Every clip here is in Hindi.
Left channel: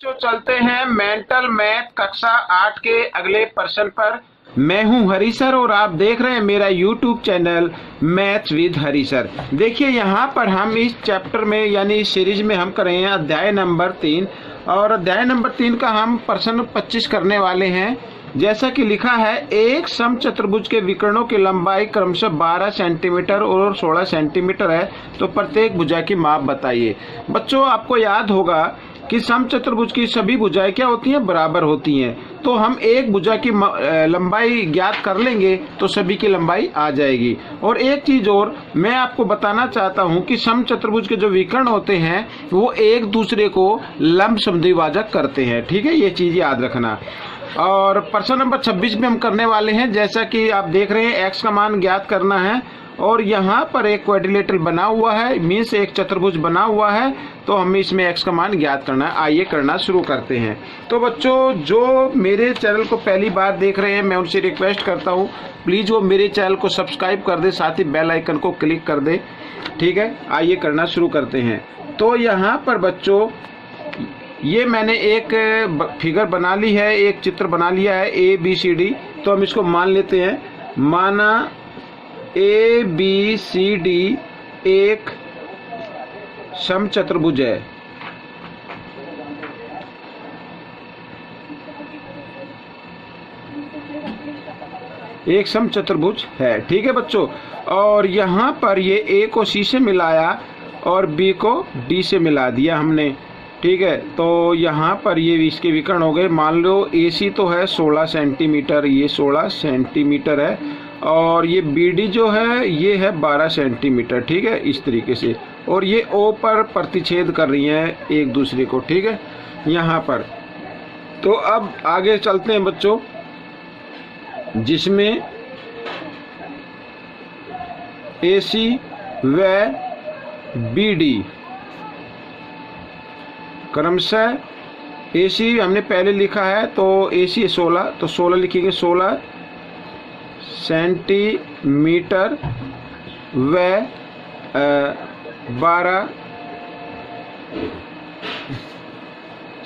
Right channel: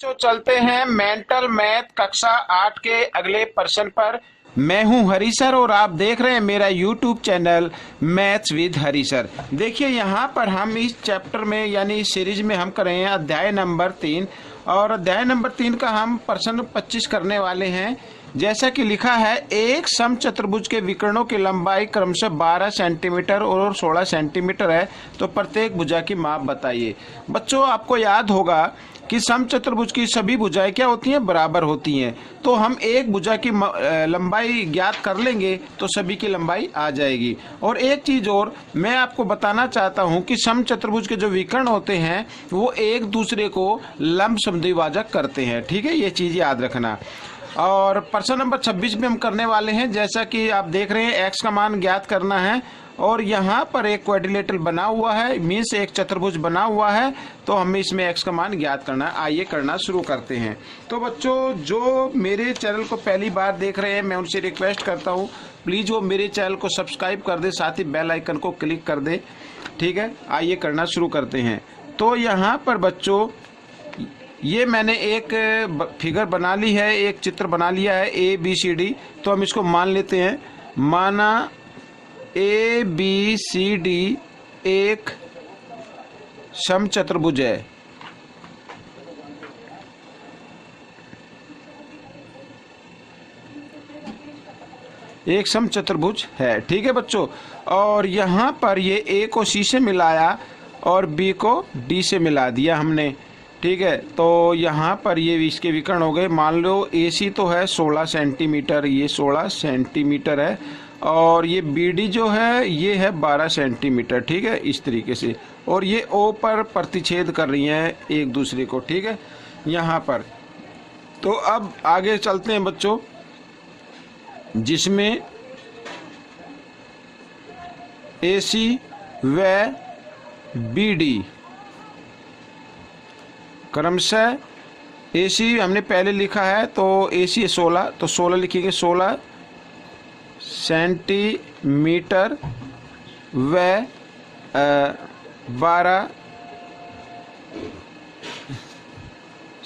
तो चलते हैं मेंटल मैथ कक्षा 8 के अगले प्रश्न पर। मैं हूं हरी सर और आप देख रहे हैं मेरा YouTube channel maths with Hari sir. देखिए यहाँ पर हम इस चैप्टर में यानी इस सीरीज में हम कर रहे हैं अध्याय नंबर 3 और अध्याय नंबर 3 का हम प्रश्न 25 करने वाले हैं। जैसा कि लिखा है, एक समचतुर्भुज के विकर्णों की लंबाई क्रमशः 12 सेंटीमीटर और 16 सेंटीमीटर है, तो प्रत्येक भुजा की माप बताइए। बच्चों, आपको याद होगा कि समचतुर्भुज की सभी भुजाएं क्या होती हैं, बराबर होती हैं। तो हम एक भुजा की लंबाई ज्ञात कर लेंगे तो सभी की लंबाई आ जाएगी। और एक चीज और मैं आपको बताना चाहता हूं कि समचतुर्भुज के जो विकर्ण होते हैं वो एक दूसरे को लंब समद्विभाजक करते हैं। ठीक है, ये चीज याद रखना। और प्रश्न नंबर 26 में हम करने वाले हैं, जैसा कि आप देख रहे हैं x का मान ज्ञात करना है और यहाँ पर एक क्वाड्रिलेटरल बना हुआ है, मीन्स एक चतुर्भुज बना हुआ है, तो हमें इसमें x का मान ज्ञात करना है। आइए करना शुरू करते हैं। तो बच्चों, जो मेरे चैनल को पहली बार देख रहे हैं मैं उनसे रिक्वेस्ट करता हूँ प्लीज़ वो मेरे चैनल को सब्सक्राइब कर दे, साथ ही बेल आइकन को क्लिक कर दे। ठीक है, आइए करना शुरू करते हैं। तो यहाँ पर बच्चों ये मैंने एक फिगर बना ली है, एक चित्र बना लिया है ABCD। तो हम इसको मान लेते हैं, माना ABCD एक समचतुर्भुज है। एक समचतुर्भुज है, ठीक है बच्चों। और यहाँ पर ये A को C से मिलाया और B को D से मिला दिया हमने। ठीक है, तो यहाँ पर ये इसके विकर्ण हो गए। मान लो AC तो है 16 सेंटीमीटर, ये 16 सेंटीमीटर है, और ये BD जो है ये है 12 सेंटीमीटर। ठीक है, इस तरीके से। और ये O पर प्रतिच्छेद कर रही हैं एक दूसरे को। ठीक है, यहाँ पर। तो अब आगे चलते हैं बच्चों, जिसमें AC व BD क्रमशः AC हमने पहले लिखा है, तो AC 16, तो 16 लिखेंगे, 16 सेंटीमीटर व 12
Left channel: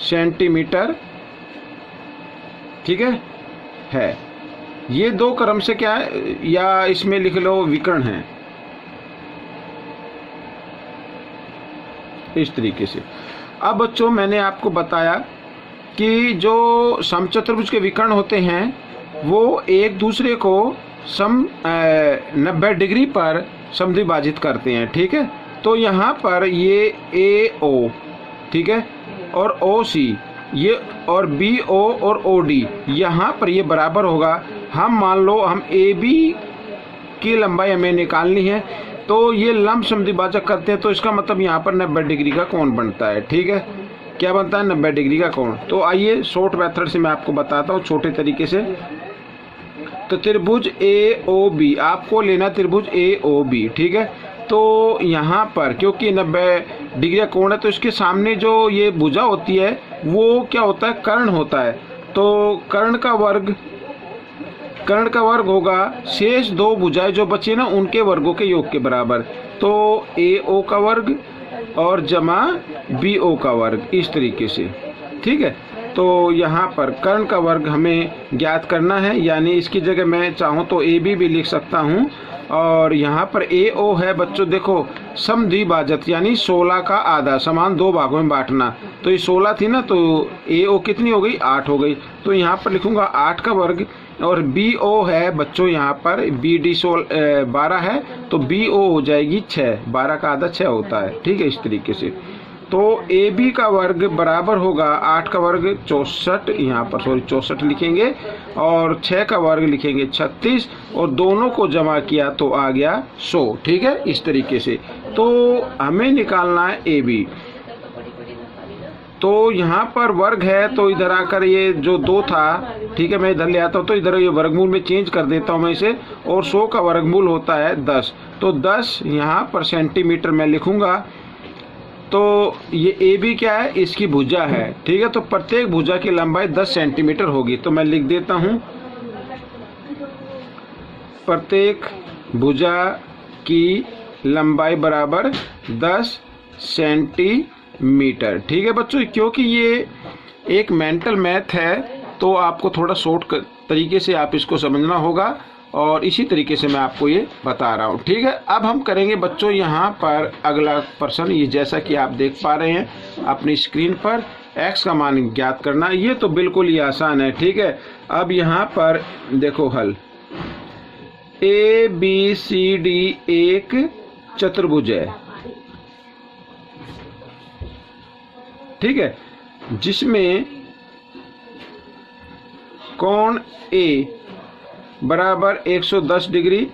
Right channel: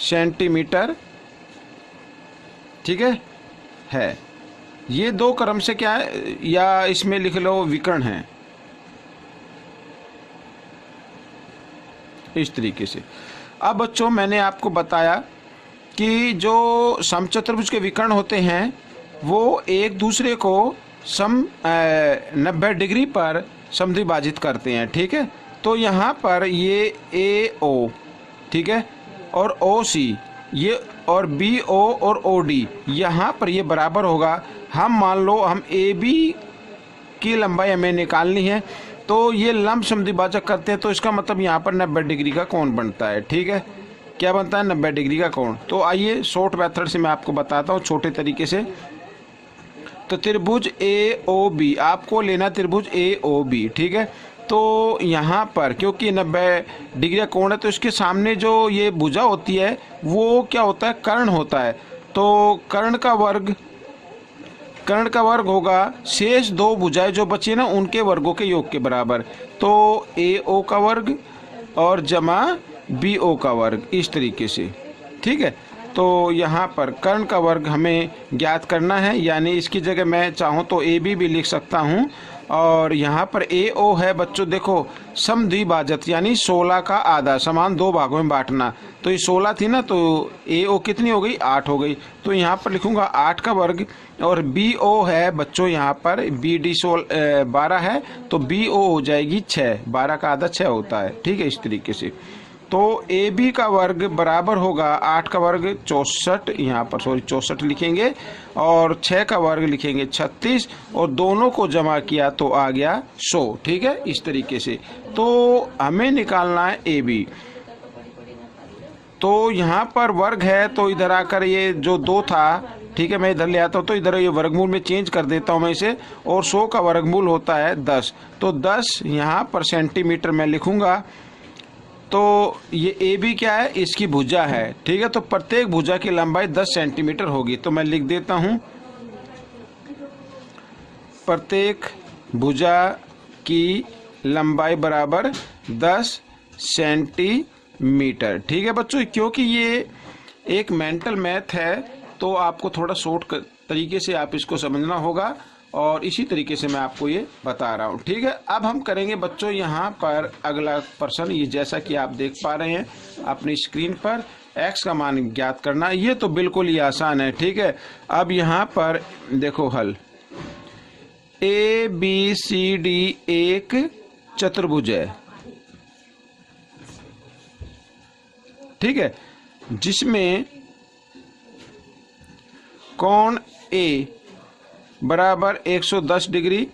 सेंटीमीटर। ठीक है। ये दो क्रम से क्या है, या इसमें लिख लो विकर्ण है, इस तरीके से। अब बच्चों, मैंने आपको बताया कि जो समचतुर्भुज के विकर्ण होते हैं वो एक दूसरे को 90 डिग्री पर समद्विभाजित करते हैं। ठीक है, तो यहाँ पर ये AO, ठीक है, और OC ये, और BO और OD यहाँ पर ये बराबर होगा। हम मान लो हम AB की लंबाई हमें निकालनी है, तो ये लंब समद्विभाजक करते हैं, तो इसका मतलब यहाँ पर 90 डिग्री का कोण बनता है। ठीक है, क्या बनता है, 90 डिग्री का कोण। तो आइए शॉर्ट मेथड से मैं आपको बताता हूँ, छोटे तरीके से। तो त्रिभुज AOB, आपको लेना त्रिभुज AOB। ठीक है, तो यहाँ पर क्योंकि 90 डिग्री का कोण है, तो इसके सामने जो ये भुजा होती है वो क्या होता है, कर्ण होता है। तो कर्ण का वर्ग होगा शेष दो भुजाएं जो बची ना उनके वर्गों के योग के बराबर। तो AO का वर्ग और जमा BO का वर्ग, इस तरीके से। ठीक है, तो यहाँ पर कर्ण का वर्ग हमें ज्ञात करना है, यानी इसकी जगह मैं चाहूँ तो AB भी लिख सकता हूँ। और यहाँ पर AO है बच्चों, देखो समद्विभाजक यानी 16 का आधा, समान दो भागों में बांटना। तो ये 16 थी ना, तो AO कितनी हो गई, 8 हो गई। तो यहाँ पर लिखूंगा 8 का वर्ग। और BO है बच्चों, यहाँ पर BD 12 है, तो BO हो जाएगी 6, 12 का आधा 6 होता है। ठीक है, इस तरीके से। तो AB का वर्ग बराबर होगा 8 का वर्ग 64, यहाँ पर 64 लिखेंगे, और 6 का वर्ग लिखेंगे 36, और दोनों को जमा किया तो आ गया 100। ठीक है, इस तरीके से। तो हमें निकालना है AB। तो यहाँ पर वर्ग है, तो इधर आकर ये जो 2 था, ठीक है, मैं इधर ले आता हूँ, तो इधर ये वर्गमूल में चेंज कर देता हूँ मैं इसे, और 100 का वर्गमूल होता है 10। तो 10 यहाँ पर सेंटीमीटर मैं लिखूंगा। तो ये AB क्या है, इसकी भुजा है। ठीक है, तो प्रत्येक भुजा की लंबाई 10 सेंटीमीटर होगी। तो मैं लिख देता हूँ, प्रत्येक भुजा की लंबाई बराबर 10 सेंटीमीटर। ठीक है बच्चों, क्योंकि ये एक मेंटल मैथ है, तो आपको थोड़ा शॉर्ट तरीके से आप इसको समझना होगा और इसी तरीके से मैं आपको ये बता रहा हूँ। ठीक है, अब हम करेंगे बच्चों यहाँ पर अगला प्रश्न। ये जैसा कि आप देख पा रहे हैं अपनी स्क्रीन पर, x का मान ज्ञात करना। ये तो बिल्कुल ही आसान है। ठीक है, अब यहाँ पर देखो हल, ABCD एक चतुर्भुज है। ठीक है, जिसमें कोण A बराबर 110 डिग्री,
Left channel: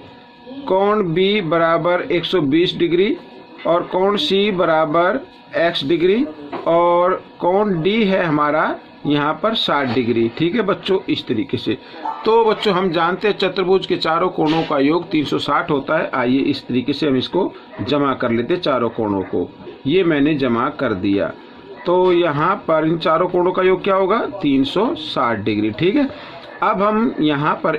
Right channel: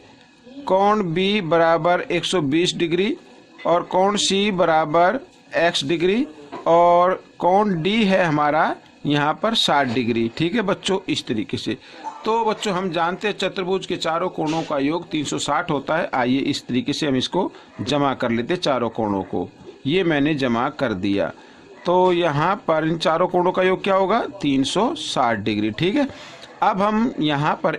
कोण B बराबर 120 डिग्री और कोण C बराबर x डिग्री और कोण D है हमारा यहाँ पर 60 डिग्री। ठीक है बच्चों, इस तरीके से। तो बच्चों हम जानते हैं चतुर्भुज के चारों कोणों का योग 360 होता है। आइए इस तरीके से हम इसको जमा कर लेते हैं, चारों कोणों को। ये मैंने जमा कर दिया। तो यहाँ पर इन चारों कोणों का योग क्या होगा? 360 डिग्री। ठीक है, अब हम यहाँ पर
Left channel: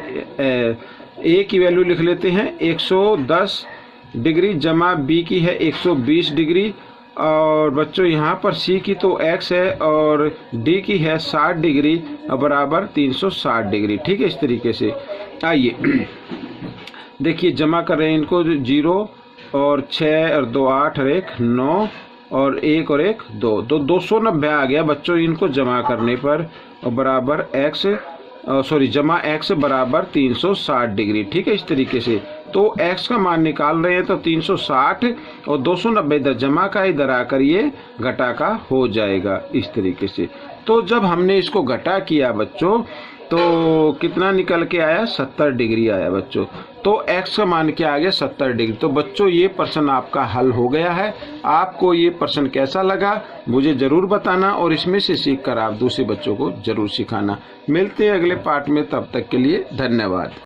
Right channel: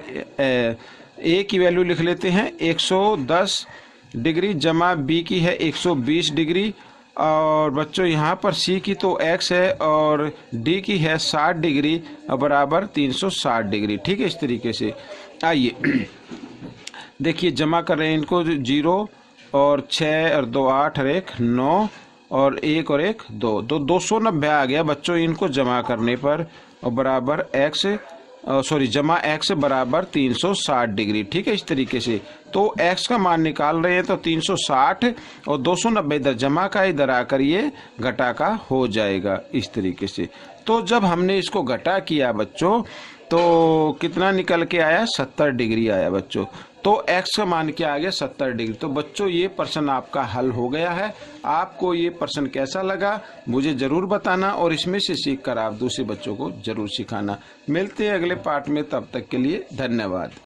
A की वैल्यू लिख लेते हैं 110 डिग्री, जमा B की है 120 डिग्री और बच्चों यहाँ पर C की तो x है और D की है 60 डिग्री बराबर 360 डिग्री। ठीक है, इस तरीके से। आइए देखिए जमा कर रहे हैं इनको, 0 और 6 और 2 8 और 1 9 और 1 और 1 2, तो 290 आ गया बच्चों इनको जमा करने पर, और बराबर जमा x बराबर 360 डिग्री। ठीक है, इस तरीके से। तो x का मान निकाल रहे हैं तो 360 और 290 इधर जमा का, इधर आकर ये घटा का हो जाएगा इस तरीके से। तो जब हमने इसको घटा किया बच्चों तो कितना निकल के आया? 70 डिग्री आया बच्चों। तो x का मान क्या आ गया? 70 डिग्री। तो बच्चों ये प्रश्न आपका हल हो गया है। आपको ये प्रश्न कैसा लगा मुझे ज़रूर बताना और इसमें से सीखकर आप दूसरे बच्चों को ज़रूर सिखाना। मिलते हैं अगले पार्ट में, तब तक के लिए धन्यवाद।